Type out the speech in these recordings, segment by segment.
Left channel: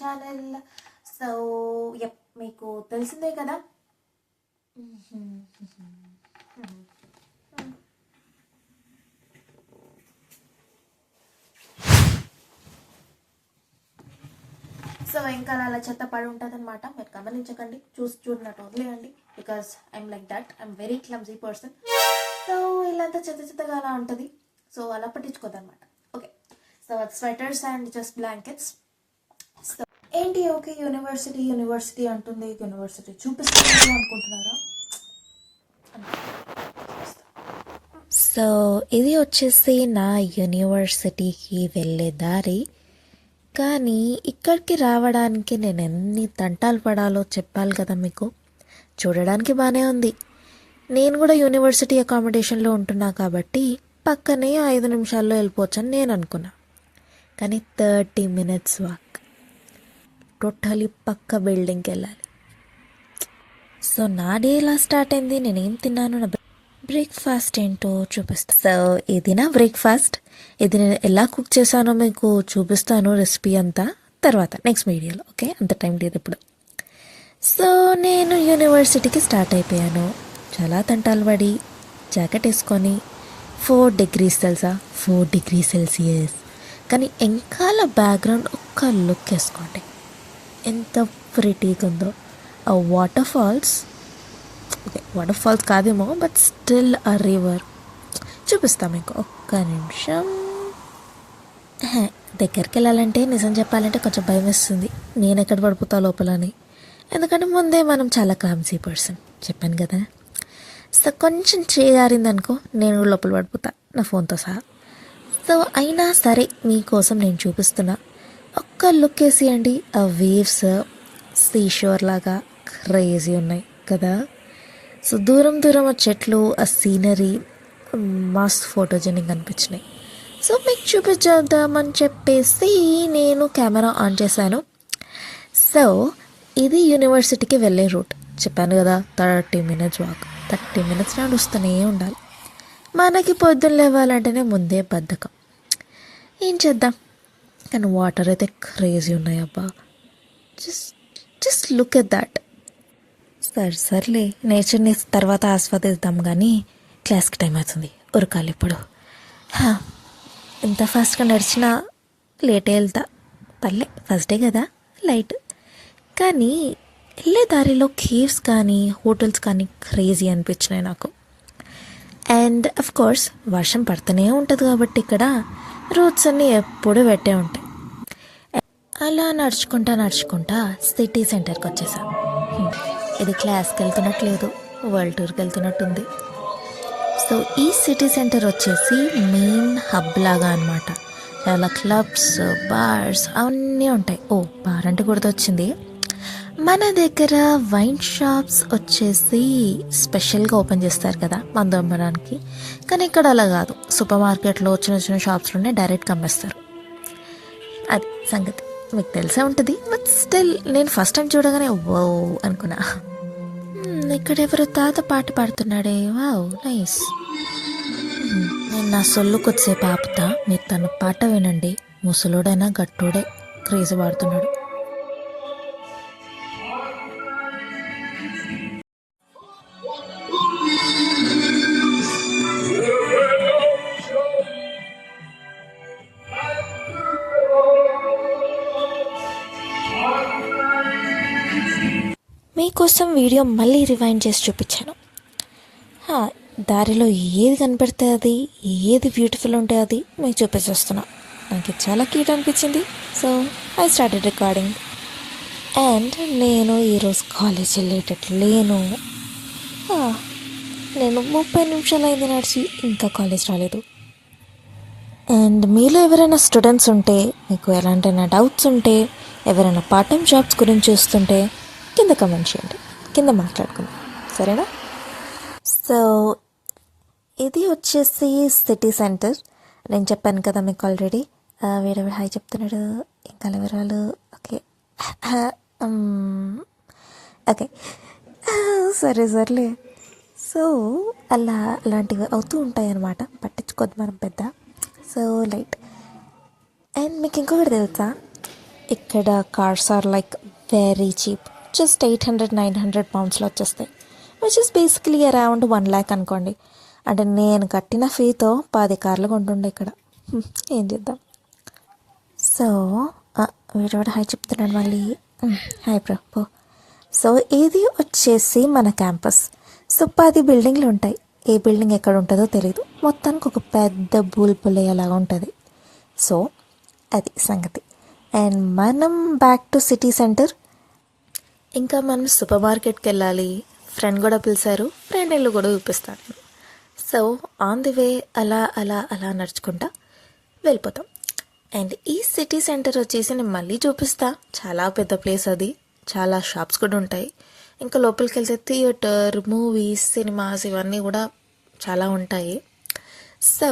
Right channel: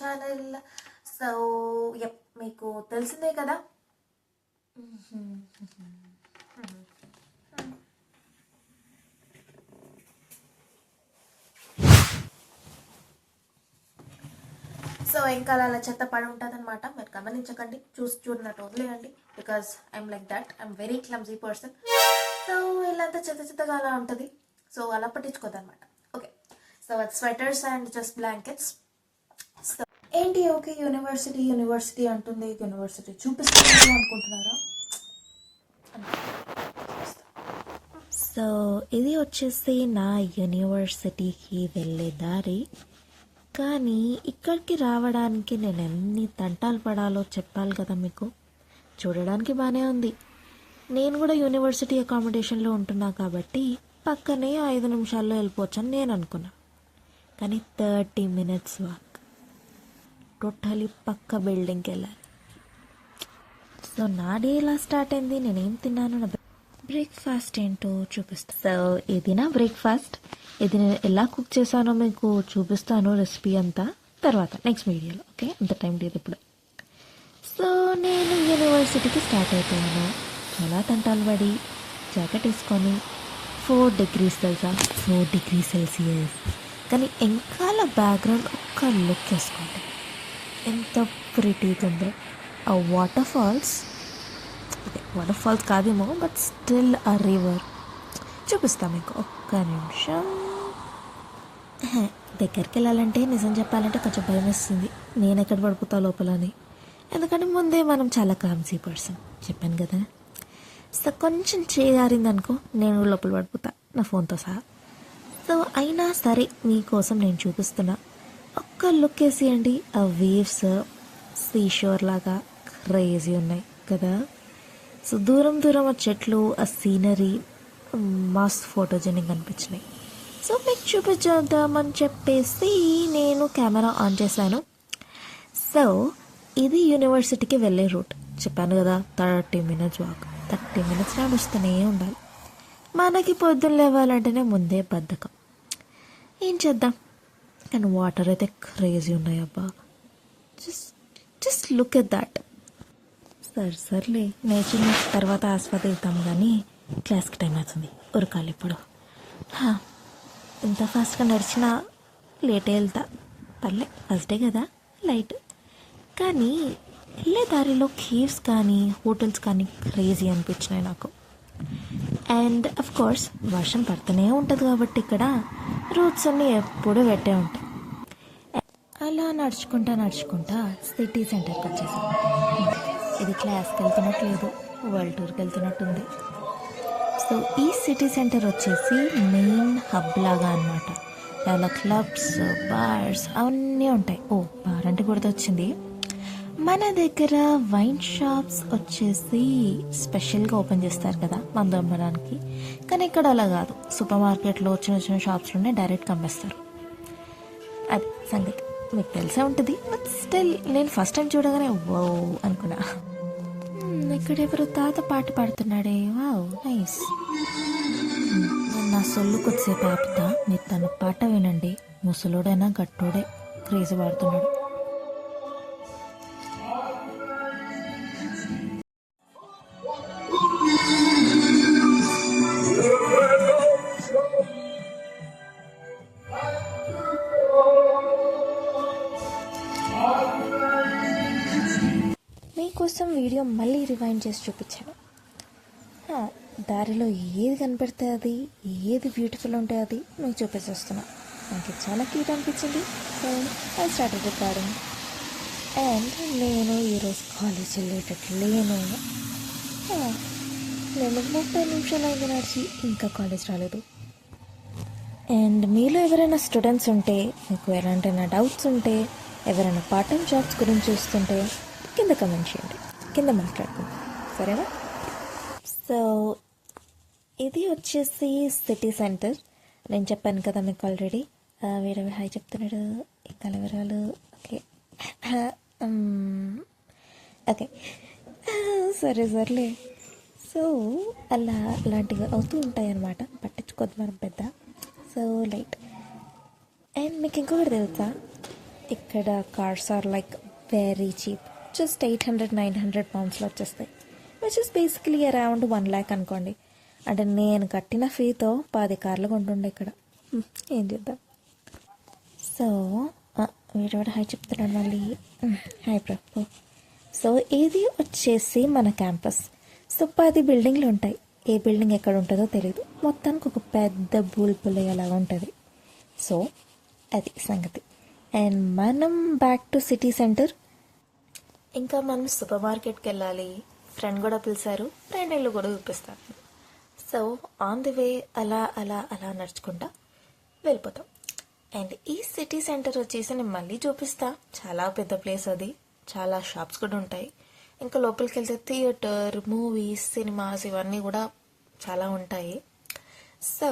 Channel. So మీకు తెలిసిందే కదా. సో ఇంకా అలా చెత్త పడి ఉంటుంది అనమాట. మీరు గమనించకండి, చూడనట్టు వదిలేయండి. Because I'm like that, I'm very clumsy person. So ఇలా అంతా చెత్తగా అలా ఉంటుంది. సో అలా పట్టించుకోదన్నమాట. Okay, so sweaters and just blankets. So ఏంటి ఓకే యూనివర్సిటీ అంటుంది, యూనివర్సిటీ చూపిస్తుంది అనుకుంటున్నారా? సో ఇది వచ్చేసి నా యూనివర్సిటీకి వెళ్ళే దారి. కానీ ఇక్కడికి రావడానికి నేను ఎన్ని తంటాలు పడాలో చెప్పాలి కదా మీకు. చూడడానికి బాగానే ఉంది. నేను కూడా యూనివర్సిటీ అకామిడేషన్లో ఉంటున్నా కాబట్టి పక్కనే 5 నిమిషాల్లో వెళ్ళిపోవచ్చని నేను అనుకున్నా. కానీ 30 minutes వాక్, టోటలీ పక్క బిల్డింగ్కి వెళ్ళాలి. సో నా డే ఎలా స్టార్ట్ అయింది, నేనేం తిన్నాను, నా బ్రేక్ఫాస్ట్ ఏంటో చూపిస్తాను. సో ఇది నా బ్రేక్ఫాస్ట్. ఇది నేను ఎలా కుక్ చేశానో మీకు చూపిస్తాను, రెసిపీ అంతా తర్వాత నెక్స్ట్ వీడియోలో. ఓకే, అంత టైం లేదు ఇప్పుడు. సో నేను యూనివర్సిటీకి స్టార్ట్ అయిపోయాను. చాలా తంటాలు పడి జాకెట్ వేసుకొని 4 degrees తెలుసా, 4 degrees Celsius. కానీ వెనకాల బ్యాక్గ్రౌండ్ ఒక్క లుక్ వేసుకోండి, ఎంత ప్రిటీగా ఉందో. ఆ వాటర్ ఫాల్స్ కాదేమో, బట్ స్టిల్ ఆ రివర్ చూపిస్తాను మీకు. ఒక్క నిమిషం. దగ్గరికి వెళ్ళాలంటే నిజం చెప్పాలంటే కొంచెం భయం వేస్తుంది, నేను ఎక్కడ పడిపోతా లోపలని. ఎందుకంటే ముందే మనం చాలా క్లామ్సీ పర్సన్, చెప్పాను కదా. సో కొంచెం చేయగారిందనుకో నేను కూడా లోపల పడిపోతా, నా ఫోన్తో సహా. సో అయినా సరే మీకోసం నేను చూపిస్తున్నా. ఒక్క లుక్ వేసేయండి, ఆ వేవ్స్ సీషోర్ లాగా క్రేజీ ఉన్నాయి కదా. సో దూరం ఆ చెట్లు, ఆ సీనరీ మస్త్ ఫోటోజెనిక్ అనిపించినాయి. సో మీకు చూపించేద్దామని చెప్పేసి నేను కెమెరా ఆన్ చేశాను. సో ఇది యూనివర్సిటీకి వెళ్ళే రూట్, చెప్పాను కదా. 30 minutes వాక్, 30 minutes నడుస్తూనే ఉండాలి. మనకి పొద్దున్న లేవాలంటేనే ముందే బద్ధకం, ఏం చేద్దాం. కానీ వాటర్ అయితే క్రేజీ ఉన్నాయి అబ్బా. Just look at that. సర్లే, నేచర్ని తర్వాత ఆస్వాదిద్దాం, కానీ క్లాస్కి టైం అవుతుంది, ఉరకాలి ఇప్పుడు. ఎంత ఫాస్ట్గా నడిచినా లేటే వెళ్తా, పర్లే ఫస్ట్ డే కదా, లైట్. కానీ వెళ్ళే దారిలో కేవ్స్ కానీ హోటల్స్ కానీ క్రేజీ అనిపించినాయి నాకు. అండ్ అఫ్ కోర్స్ వర్షం పడుతూనే ఉంటుంది కాబట్టి ఇక్కడ రోడ్స్ అన్నీ ఎప్పుడూ పెట్టే ఉంటాయి. అలా నడుచుకుంటా సిటీ సెంటర్కి వచ్చేసాం. ఇది క్లాస్కి వెళ్తున్నట్లేదు, వరల్డ్ టూర్కి వెళ్తున్నట్టుంది. సో ఈ సిటీ సెంటర్ వచ్చేసి మెయిన్ హబ్ లాగా అనమాట. చాలా క్లబ్స్, బార్స్ అవన్నీ ఉంటాయి. ఓ బార్ అంటే గుర్తొచ్చింది, మన దగ్గర వైన్ షాప్స్ వచ్చేసి స్పెషల్గా ఓపెన్ చేస్తారు కదా మందు అమ్మడానికి. కానీ ఇక్కడ అలా కాదు, సూపర్ మార్కెట్లో చిన్న షాప్స్లోనే డైరెక్ట్గా అమ్మేస్తారు. అది సంగతి మీకు తెలిసే ఉంటుంది. బట్ స్టిల్ నేను ఫస్ట్ టైం చూడగానే వో అనుకున్నా. ఇక్కడ ఎవరు తాత పాట పాడుతున్నాడే, వావ్ నైస్. నేను నా సొల్లు కొద్దిసేపు ఆపుతా, మీరు తన పాట వినండి. ముసలోడైనా గట్టోడే క్రేజ్ పాడుతున్నాడు. మీకోసం వీడియో మళ్ళీ రివైండ్ చేసి చూపించాను. దారిలో ఏది కనపడితే అది, ఏది బ్యూటిఫుల్ ఉంటే అది మీకు చూపించేస్తున్నా. నాకు చాలా క్యూట్ అనిపించింది. So I started recording. And నేను ఈరోజు కాలేజ్ వెళ్ళేటట్లు లేను. నేను 30 నిమిషాలు అయింది నడిచి, ఇంకా కాలేజ్ రాలేదు. అండ్ మీలో ఎవరైనా స్టూడెంట్స్ ఉంటే, మీకు ఎలాంటైనా డౌట్స్ ఉంటే, ఎవరైనా పార్ట్ టైం జాబ్స్ గురించి చూస్తుంటే కింద కమెంట్ చేయండి, కింద మాట్లాడుకుందాం, సరేనా. సో ఇది వచ్చేసి సిటీ సెంటర్. నేను చెప్పాను కదా మీకు ఆల్రెడీ. వేరే హాయ్ చెప్తున్నాడు, ఇంకా వివరాలు. ఓకే ఓకే సర్లే. సో అలాంటివి అవుతూ ఉంటాయి అన్నమాట, పట్టించుకోద్దు మనం పెద్ద. So light. అండ్ మీకు ఇంకొకటి తెలుసా, ఇక్కడ cars are like very cheap, just 800-900 పౌండ్స్లో వచ్చేస్తాయి, which is basically around 1 lakh అనుకోండి. అంటే నేను కట్టిన ఫీతో 10 కార్లు కొంటుండే ఇక్కడ. ఏం చేద్దాం. సో వీడు హాయ్ చెప్తున్నాడు మళ్ళీ. Hi bro. సో ఇది వచ్చేసి మన క్యాంపస్. సో 10 బిల్డింగ్లు ఉంటాయి. ఏ బిల్డింగ్ ఎక్కడ ఉంటుందో తెలియదు, మొత్తానికి ఒక పెద్ద బూల్పులేలాగా ఉంటుంది. సో అది సంగతి. అండ్ మనం బ్యాక్ టు సిటీ సెంటర్. ఇంకా మనం సూపర్ మార్కెట్కి వెళ్ళాలి. ఫ్రెండ్ కూడా పిలిచారు, ఫ్రెండ్ ఇల్లు కూడా చూపిస్తాను. సో ఆన్ ది వే అలా అలా అలా నడుచుకుంటా వెళ్ళిపోతాం. అండ్ ఈ సిటీ సెంటర్ వచ్చేసి నేను మళ్ళీ చూపిస్తా. చాలా పెద్ద ప్లేస్ అది, చాలా షాప్స్ కూడా ఉంటాయి. ఇంకా లోపలికి వెళ్తే థియేటర్, మూవీస్, సినిమాస్ ఇవన్నీ కూడా చాలా ఉంటాయి. సో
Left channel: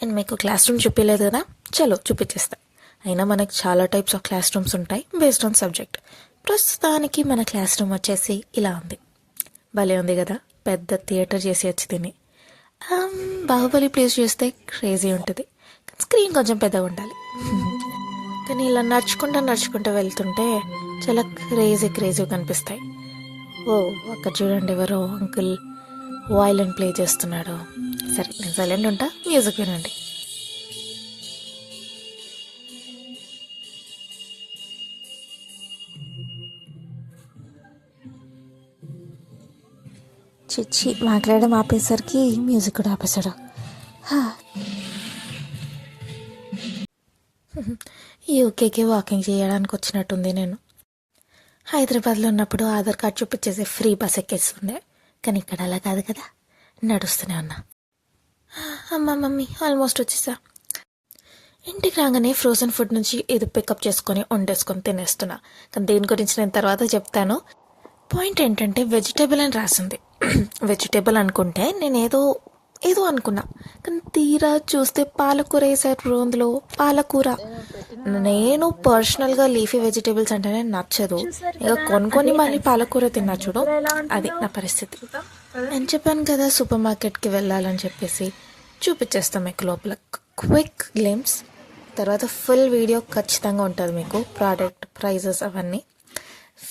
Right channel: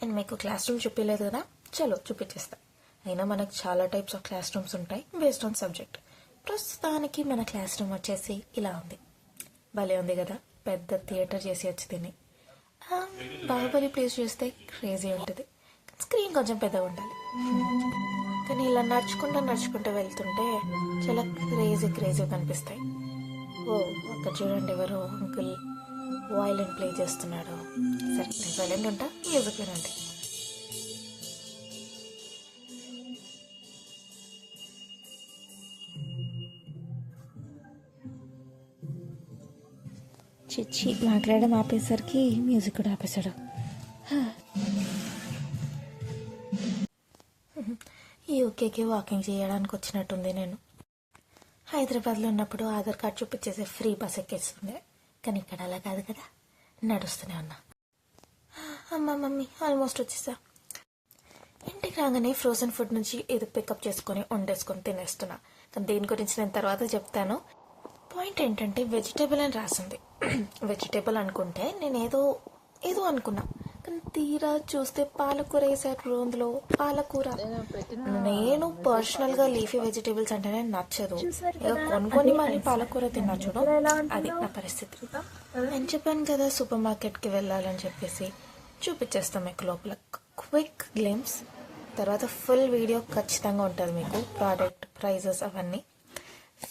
అండ్ మీకు క్లాస్ రూమ్ చూపించలేదు కదా, చలో చూపించేస్తా. అయినా మనకి చాలా టైప్స్ ఆఫ్ క్లాస్ రూమ్స్ ఉంటాయి బేస్డ్ ఆన్ సబ్జెక్ట్. ప్రస్తుతానికి మన క్లాస్ రూమ్ వచ్చేసి ఇలా ఉంది. భలే ఉంది కదా, పెద్ద థియేటర్ చేసి వచ్చి తిని. బాహుబలి ప్లేస్ చూస్తే క్రేజీ ఉంటుంది, స్క్రీన్ కొంచెం పెద్దగా ఉండాలి. కానీ ఇలా నడుచుకుంటూ వెళ్తుంటే చాలా క్రేజీగా కనిపిస్తాయి. ఓ అక్కడ చూడండి, ఎవరో అంకుల్ వయలిన్ ప్లే చేస్తున్నాడు. సరే నేను సైలెంట్ ఉంటా, మ్యూజిక్ వినండి. చిచ్చి మాట్లాడడం ఆపేసరికి మ్యూజిక్ కూడా ఆపేశాడు. యూకేకి వాకింగ్ చేయడానికి వచ్చినట్టుంది. నేను హైదరాబాద్లో ఉన్నప్పుడు ఆధార్ కార్డ్ చూపించేసి ఫ్రీ బస్ ఎక్కేస్తుండే, కానీ ఇక్కడ అలా కాదు కదా, నడుస్తూనే ఉన్నా. అమ్మ మమ్మీ ఆల్మోస్ట్ వచ్చేసా. ఇంటికి రాగానే ఫ్రోజన్ ఫుడ్ నుంచి ఏదో పికప్ చేసుకొని వండేసుకొని తినేస్తున్నా. కానీ దేని గురించి నేను తర్వాత చెప్తాను. పాయింట్ ఏంటంటే వెజిటేబుల్ అని రాసింది. వెజిటేబుల్ అనుకుంటే నేను ఏదో అనుకున్నా, కానీ తీరా చూస్తే పాలకూర వేసారు అందులో. పాలకూర నేను పర్సనల్గా లీఫీ వెజిటేబుల్స్ అంటేనే నచ్చదు, ఇక కొనుక్కొని మళ్ళీ పాలకూర తిన్నా చూడు, అది నా పరిస్థితి. నేను చెప్పాను కదా సూపర్ మార్కెట్కి వెళ్ళాలని చెప్పేసి. చూపించేస్తాం మీకు లోపల క్విక్ గ్లిమ్స్, తర్వాత ఫుల్ వీడియో ఖచ్చితంగా ఉంటుంది మీకు, ప్రోడక్ట్ ప్రైజెస్ అవన్నీ.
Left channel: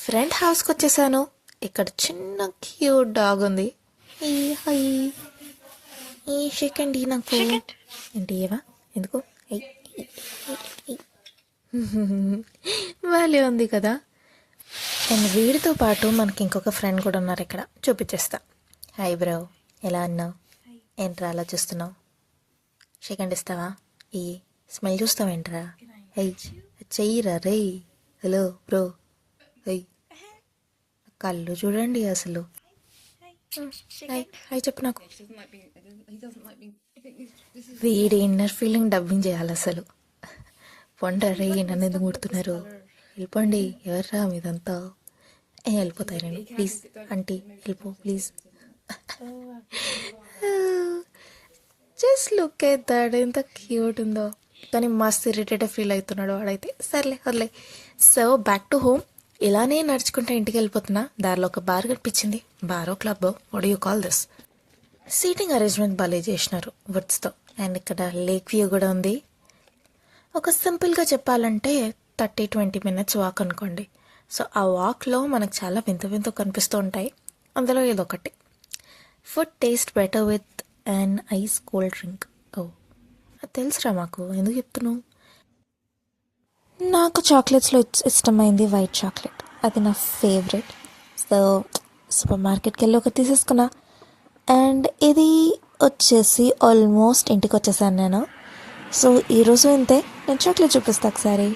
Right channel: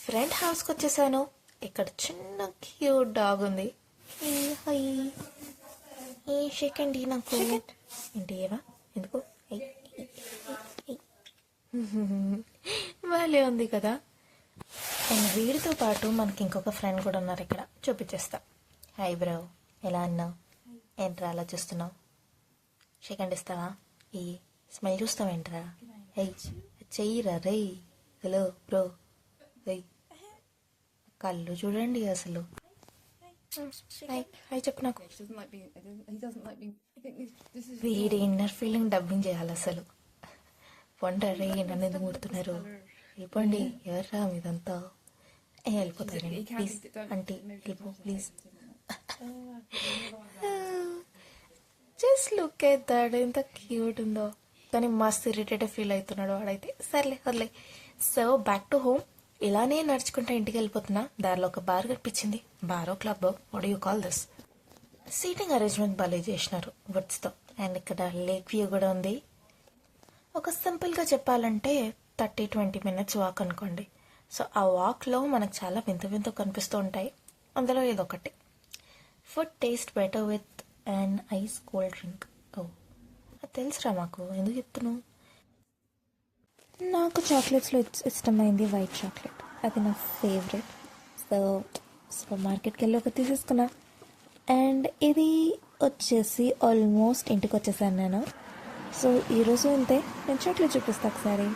ఫ్రెండ్ హౌస్కి వచ్చేసాను. ఇక్కడ చిన్న క్యూట్ డాగ్ ఉంది. ఈ సెకండ్ నాకు ఏంటి ఏవా ఎందుకు వాళ్ళే ఉంది కదా. అండ్ వీడితో పాటు మనకి ఇంకొక ఫ్రెండ్ కూడా ఉన్నారు ఇక్కడ, చూపించేస్తా. హాయ్ బ్రో, ఎలా అన్నావు? ఏంట్రా అలా చూస్తున్నావు? సెకండ్ ఇస్తావా? ఈ స్మెల్ చూస్తావేంట్రా? అయ్యి చెయ్యిరా రే. హలో బ్రో, అయ్యి కళ్ళు చూడండి అసలు. హాయ్ చెప్పు నాకు. వీడి ఇన్నర్ ఫీలింగ్ డబ్బింగ్ చేయాలి అసలు. పొండరే నన్ను ఎందుకు ముడుతున్నారు? వెళ్ళిపోండి, ఎవర్రా మీదంతా? వెళ్ళిపోతారండి ప్లీజ్. ఆంటీ వెళ్ళిపో please. Just look at that, ఎంత క్యూట్ ఉందో. కానీ మస్తు ఇరిటేటివ్ ఫీల్ అవుతున్నాడు వాడైతే. సర్లే వదిలే. So back to home. ఇలానే నడుచుకుంటా ఇంటికి వెళ్ళిపోతున్నా. దారిలో ఒక బార్ కనిపించింది. Bar or club, what you call this. Seating arrangement భలే చేసినారు వుడ్స్తో. అండ్ ఇక్కడ లేక్ వ్యూ కూడా ఉంది. ఒక సింపుల్గా చెప్పాలంటే 30-20 minutes వాక్ అనుకోండి. సో ఆ వాక్లో మనకు చాలా వింత కనిపిస్తూ ఉంటాయి. అందులో ఇదొకటి. Food taste better with and ice cold drink. ఓ అది తెలుసురా మాకు, ఎందుకు చెప్తున్నావు? నాకు చాక్లెట్స్లో ఇష్టమైంది వైట్ చాక్లెట్, అది నా ఫేవరెట్. సో సూపర్ మార్కెట్కి వెళ్ళి ఒకటి తీసేసుకున్నా. అండ్ ఇది వచ్చేసి ఆల్మోస్ట్ ఇంటికి వచ్చేసాను నేను. సో ఈరోజు అంతే. నేను చాక్లెట్ చూపిస్తాను ఒకసారి.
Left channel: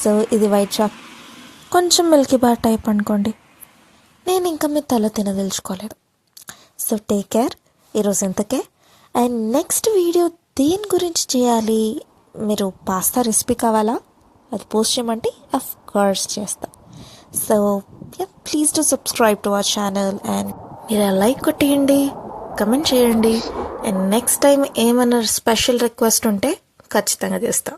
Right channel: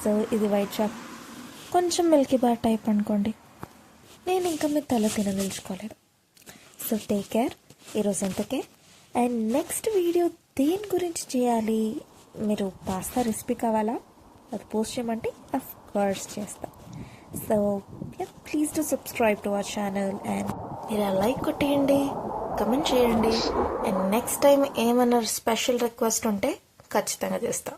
సో ఇది వైట్ చాక్, కొంచెం మిల్కీ బార్ టైప్ అనుకోండి. నేను ఇంకా మీ తల తినదలుచుకోలేదు. So take care. ఈరోజు ఇంతకే. అండ్ నెక్స్ట్ వీడియో దేని గురించి చేయాలి? మీరు పాస్తా రెసిపీ కావాలా? అది పోస్ట్ చేయమంటే అఫ్ కోర్స్ చేస్తా. So please to subscribe to our channel. And మీరు లైక్ కొట్టేయండి, కమెంట్ చేయండి. అండ్ నెక్స్ట్ టైం ఏమైనా స్పెషల్ రిక్వెస్ట్ ఉంటే ఖచ్చితంగా చేస్తాం.